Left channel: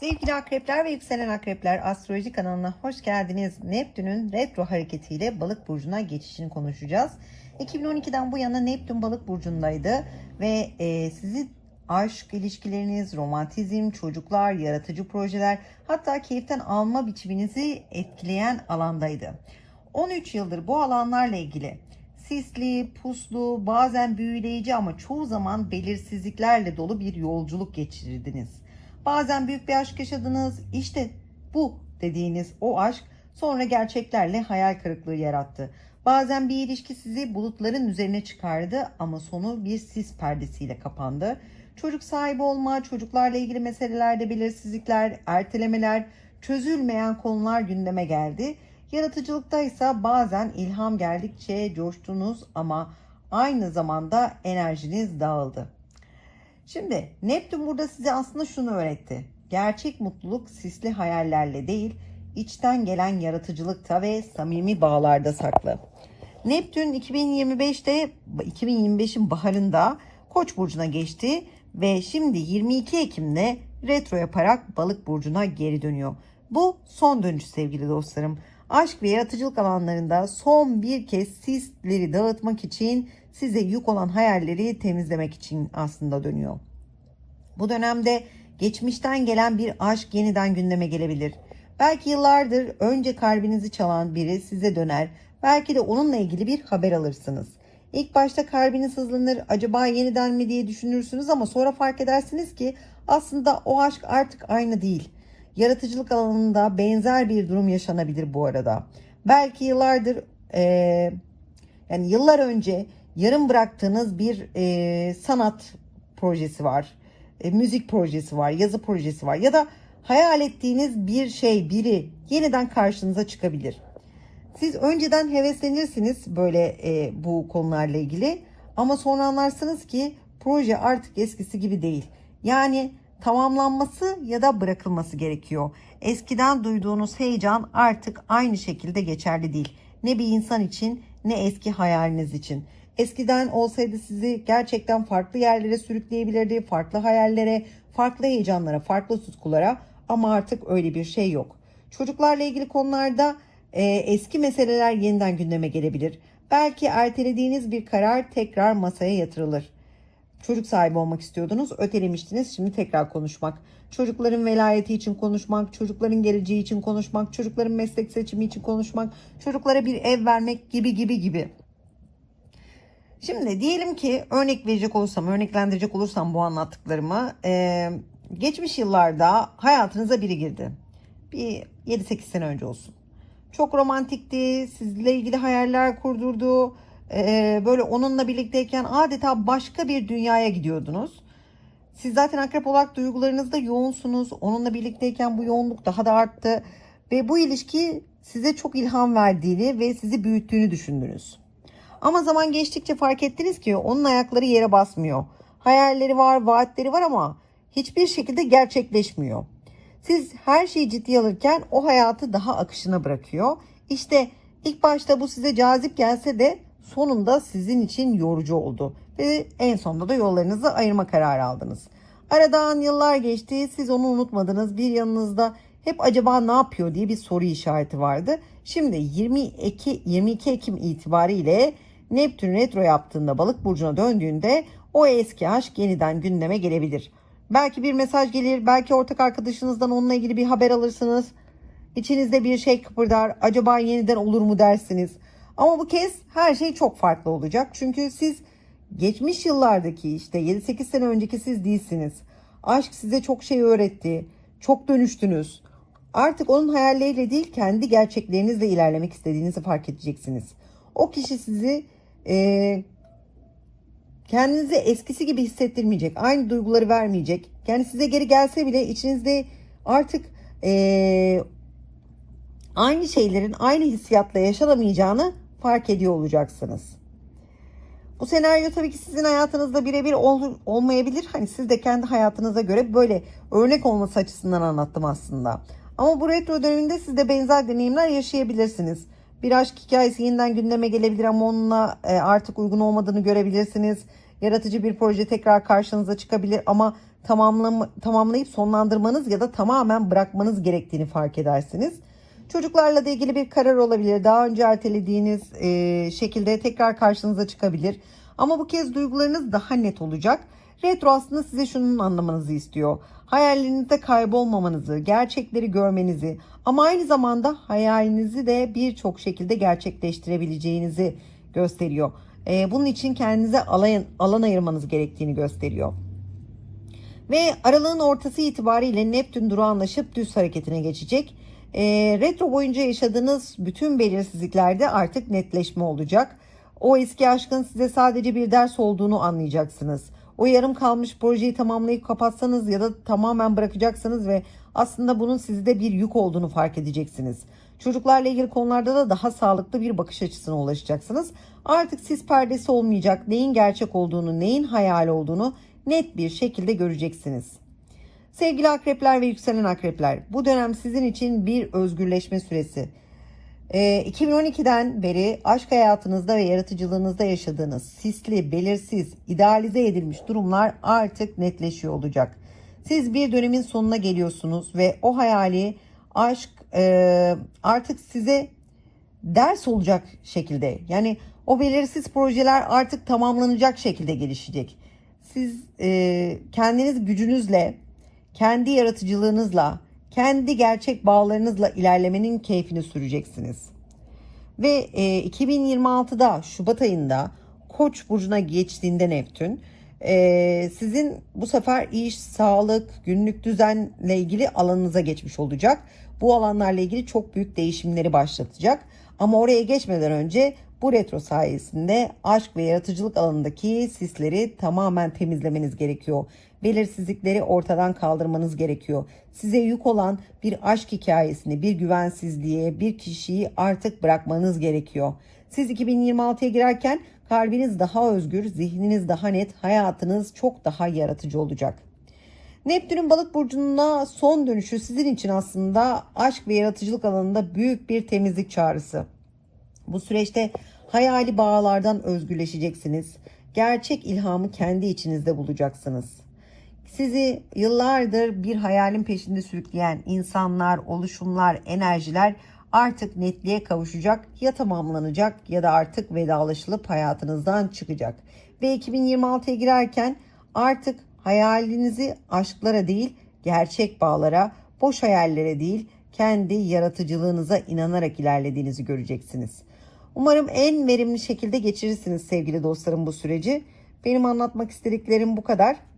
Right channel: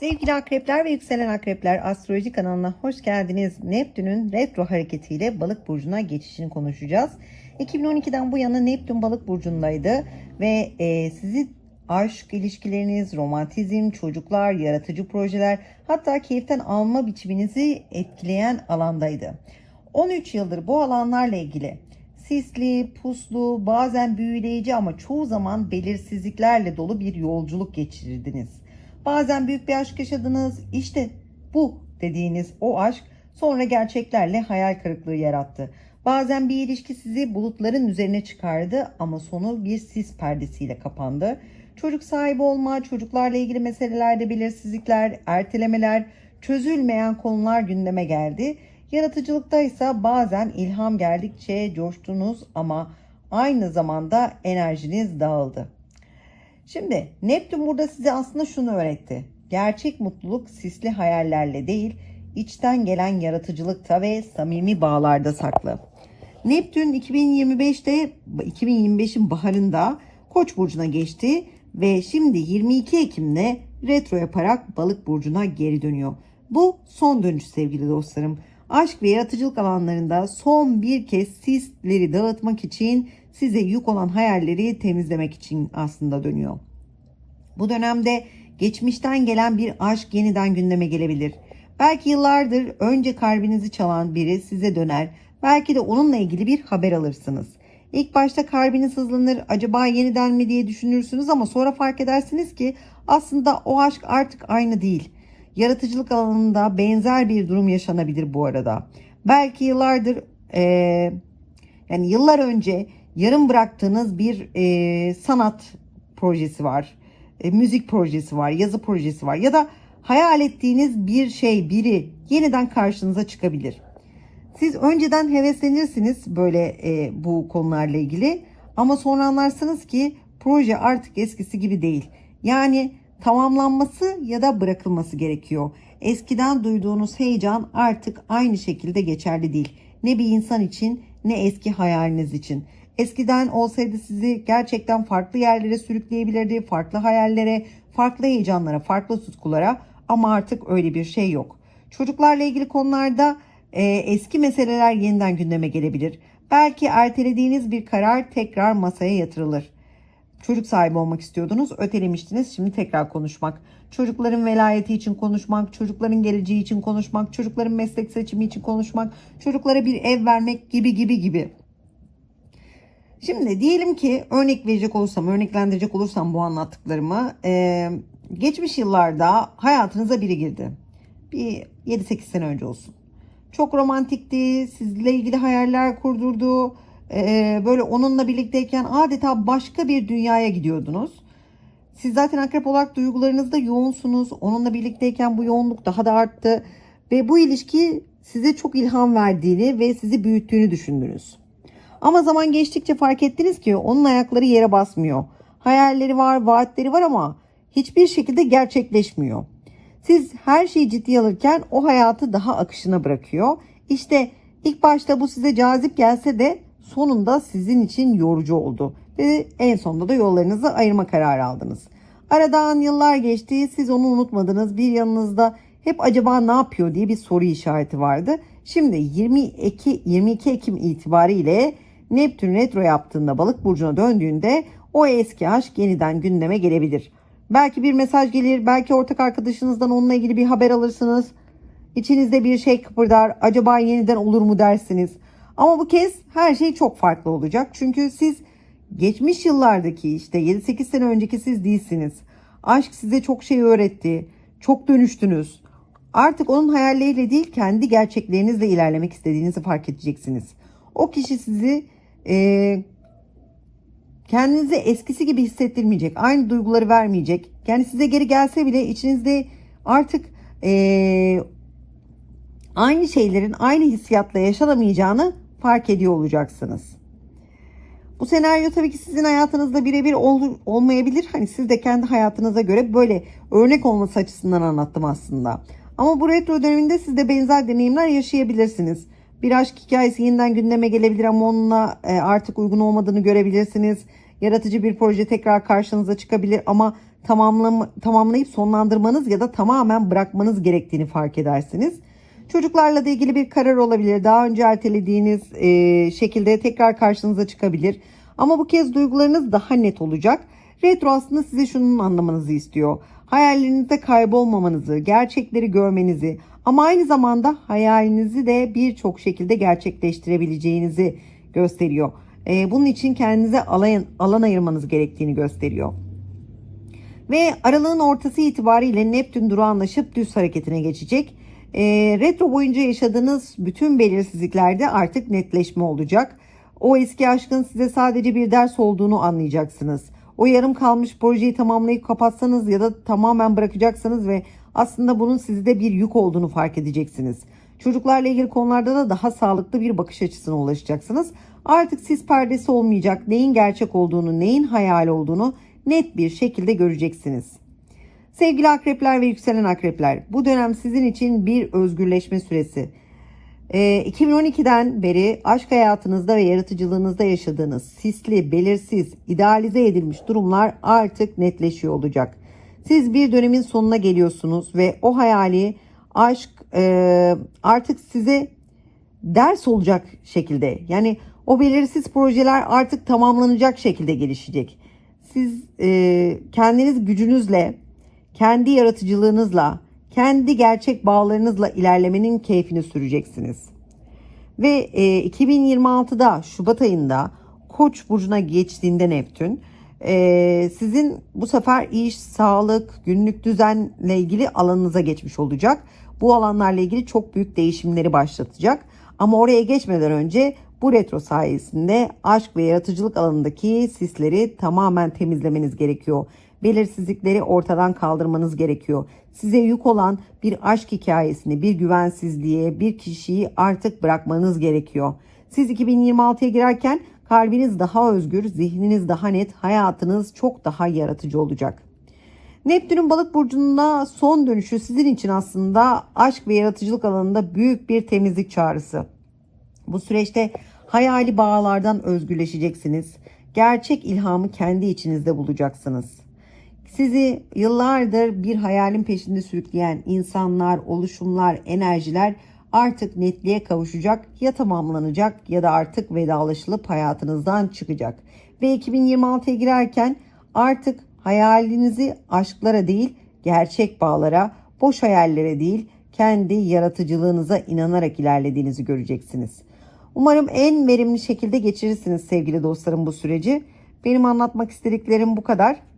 Sevgili akrepler ve yükselen akrepler astroloji kanalına hoş geldiniz. Neptün'ün retro hareketiyle balık burcuna geçişini konuşacağız. 2012'den bu yana Neptün balık burcundaydı ve e, sizi aşk ilişkileriniz, romantizm, çocuklar, yaratıcı projeler hatta keyiften alma biçiminizi etkileyen alandaydı. 13 yıldır bu alanlarla ilgili sisli, puslu, bazen büyüleyici ama çoğu zaman belirsizliklerle dolu bir yolculuk geçirdiniz. Bazen büyük bir aşk yaşadınız. İşte bu dediğiniz o aşk sonra gerçeklerle hayal kırıklığı yarattı. Bazen bir ilişki sizi bulutların üzerine çıkardı ama sonu bir sis perdesiyle kapandı. Çocuk sahibi olma, çocuklarla ilgili meselelerde belirsizlikler, ertelemeler, çözülmeyen konular gündeme geldi. Yaratıcılıkta ise bazen ilham geldikçe coştunuz ama aynı zamanda enerjiniz dağıldı. Şimdi Neptün burada size aslında şunu öğretti. Gerçek mutluluk sisli hayallerle değil, içten gelen yaratıcılıkta ve samimi bağlarda saklı. Neptün 2025'te 2025'in baharında Koç burcuna geçti ve şimdi 22 Ekim'de retro yaparak Balık burcuna geri dönüyor. Bu son dönüş sevgili dostlarım. Aşk ve yaratıcılık alanlarında son bir kez sisleri dağıtmak için size yük olan hayalleri temizlemek için aslında dönüyor. Bu dönemde geçmişten gelen bir aşk yeniden gündeme gelebilir. Belki yıllardır önce kalbinizi çalan biri size döner. Belki de onunla ilgili bir haber alırsınız. İlk başta kalbiniz hızlanır, acaba yeniden mi diye düşünürsünüz ama sonra fark edersiniz ki aslında o aşk artık aynı değil. Yaratıcılık alanında benzer bir durum yaşanabilir bu arada. Belki yıllardır eee, yani yıllar önce yarım bıraktığınız bir eee, sanat projesi var, e, müzik projesi var, yazı projesi var ya da hayal ettiğiniz bir şey, biri yeniden karşınıza çıkabilir. Siz önceden heveslenirsiniz böyle e, bu konularla ilgili ama sonra anlarsınız ki proje artık eskisi gibi değil. Yani tamamlanması ya da bırakılması gerekiyor. Eskiden duyduğunuz heyecan artık aynı şekilde geçerli değil. Ne bir insan için ne eski hayaliniz için. Eskiden olsaydı sizi gerçekten farklı yerlere sürükleyebilirdi, farklı hayallere, farklı heyecanlara, farklı tutkulara ama artık öyle bir şey yok. Çocuklarla ilgili konularda e, eski meseleler yeniden gündeme gelebilir. Belki ertelediğiniz bir karar tekrar masaya yatırılır. Çocuk sahibi olmak istiyordunuz, ötelemiştiniz. Şimdi tekrar konuşmak. Çocukların velayeti için konuşmak, çocukların geleceği için konuşmak, çocukların meslek seçimi için konuşmak, çocuklara bir ev vermek gibi gibi gibi. Şimdi diyelim ki örnek verecek olursam, örneklendirecek olursam bu anlattıklarımı, e, geçmiş yıllarda hayatınıza biri girdi. Bir 7-8 sene önce olsun. Çok romantikti, sizle ilgili hayaller kurdurdu. E, böyle onunla birlikteyken adeta başka bir dünyaya gidiyordunuz. Siz zaten akrep olarak duygularınızda yoğunsunuz. Onunla birlikteyken bu yoğunluk daha da arttı. Ve bu ilişki size çok ilham verdiğini ve sizi büyüttüğünü düşündünüz. Ama zaman geçtikçe fark ettiniz ki onun ayakları yere basmıyor. Hayalleri var, vaatleri var ama hiçbir şekilde gerçekleşmiyor. Siz her şeyi ciddiye alırken o hayatı daha akışına bırakıyor. İşte ilk başta bu size cazip gelse de sonunda sizin için yorucu oldu. Ve en sonunda da yollarınızı ayırma kararı aldınız. Aradan yıllar geçti, siz onu unutmadınız. Bir yanınızda hep acaba ne yapıyor diye bir soru işareti vardı. Şimdi 22, 22 Ekim itibariyle Neptün retro yaptığında balık burcuna döndüğünde o eski aşk yeniden gündeme gelebilir. Belki bir mesaj gelir, belki ortak arkadaşınızdan onunla ilgili bir haber alırsınız. İçinizde bir şey kıpırdar, acaba yeniden olur mu dersiniz. Ama bu kez her şey çok farklı olacak. Çünkü siz geçmiş yıllardaki işte 7-8 sene önceki siz değilsiniz. Aşk size çok şey öğretti. Çok dönüştünüz. Artık onun hayalleriyle değil kendi gerçeklerinizle ilerlemek istediğinizi fark edeceksiniz. O kişi sizi e, kendinizi eskisi gibi hissettirmeyecek. Aynı duyguları vermeyecek. Yani size geri gelse bile içinizde artık e, aynı şeylerin aynı hissiyatla yaşanamayacağını fark ediyor olacaksınız. Bu senaryo tabii ki sizin hayatınızda birebir ol, olmayabilir. Hani siz de kendi hayatınıza göre böyle örnek olması açısından anlattım aslında. Ama bu retro döneminde siz de benzer deneyimler yaşayabilirsiniz. Bir aşk hikayesi yeniden gündeme gelebilir ama onunla e, artık uygun olmadığını görebilirsiniz. Yaratıcı bir proje tekrar karşınıza çıkabilir ama tamamlam tamamlayıp sonlandırmanız ya da tamamen bırakmanız gerektiğini fark edersiniz. Çocuklarla da ilgili bir karar olabilir. Daha önce ertelediğiniz e, şekilde tekrar karşınıza çıkabilir. Ama bu kez duygularınız daha net olacak. Retro aslında size şunun anlamanızı istiyor. Hayallerinizde kaybolmamanızı, gerçekleri görmenizi ama aynı zamanda hayalinizi de birçok şekilde gerçekleştirebileceğinizi gösteriyor. E, bunun için kendinize alan, alan ayırmanız gerektiğini gösteriyor. Ve aralığın ortası itibariyle Neptün durağanlaşıp düz hareketine geçecek. E, retro boyunca yaşadığınız bütün belirsizliklerde artık netleşme olacak. O eski aşkın size sadece bir ders olduğunu anlayacaksınız. O yarım kalmış projeyi tamamlayıp kapatsanız ya da tamamen bırakacaksanız ve aslında bunun sizde bir yük olduğunu fark edeceksiniz. Çocuklarla ilgili konularda da daha sağlıklı bir bakış açısına ulaşacaksınız. Artık siz perdesi olmayacak, neyin gerçek olduğunu, neyin hayal olduğunu net bir şekilde göreceksiniz. Sevgili akrepler ve yükselen akrepler, bu dönem sizin için bir özgürleşme süresi. Ee, 2012'den beri aşk hayatınızda ve yaratıcılığınızda yaşadığınız sisli, belirsiz, idealize edilmiş durumlar artık netleşiyor olacak. Siz bir dönemin sonuna geliyorsunuz ve o hayali aşk e, artık size ders olacak şekilde yani o belirsiz projeler artık tamamlanacak şekilde gelişecek. Siz e, kendiniz gücünüzle, kendi yaratıcılığınızla, kendi gerçek bağlarınızla ilerlemenin keyfini süreceksiniz. Ve e, 2026'da Şubat ayında Koç burcuna geçtiğinde Neptün e, sizin bu sefer iş, sağlık, günlük düzenle ilgili alanınıza geçmiş olacak. Bu alanlarla ilgili çok büyük değişimleri başlatacak. Ama oraya geçmeden önce bu retro sayesinde aşk ve yaratıcılık alanındaki sisleri tamamen temizlemeniz gerekiyor. Belirsizlikleri ortadan kaldırmanız gerekiyor. Size yük olan bir aşk hikayesini, bir güvensizliğe, bir kişiyi artık bırakmanız gerekiyor. Siz 2026'ya girerken kalbiniz daha özgür, zihniniz daha net, hayatınız çok daha yaratıcı olacak. Neptün'ün balık burcuna son dönüşü sizin için aslında aşk ve yaratıcılık alanında büyük bir temizlik çağrısı. Bu süreçte hayali bağlardan özgürleşeceksiniz. Gerçek ilhamı kendi içinizde bulacaksınız. Sizi yıllardır bir hayalin peşinde sürükleyen insanlar, oluşumlar, enerjiler artık netliğe kavuşacak, ya tamamlanacak ya da artık vedalaşılıp hayatınızdan çıkacak. Ve 2026'ya girerken artık hayalinizi aşklara değil, gerçek bağlara, boş hayallere değil, kendi yaratıcılığınıza inanarak ilerlediğinizi göreceksiniz. Umarım en verimli şekilde geçirirsiniz sevgili dostlarım bu süreci. Benim anlatmak istediklerim bu kadar.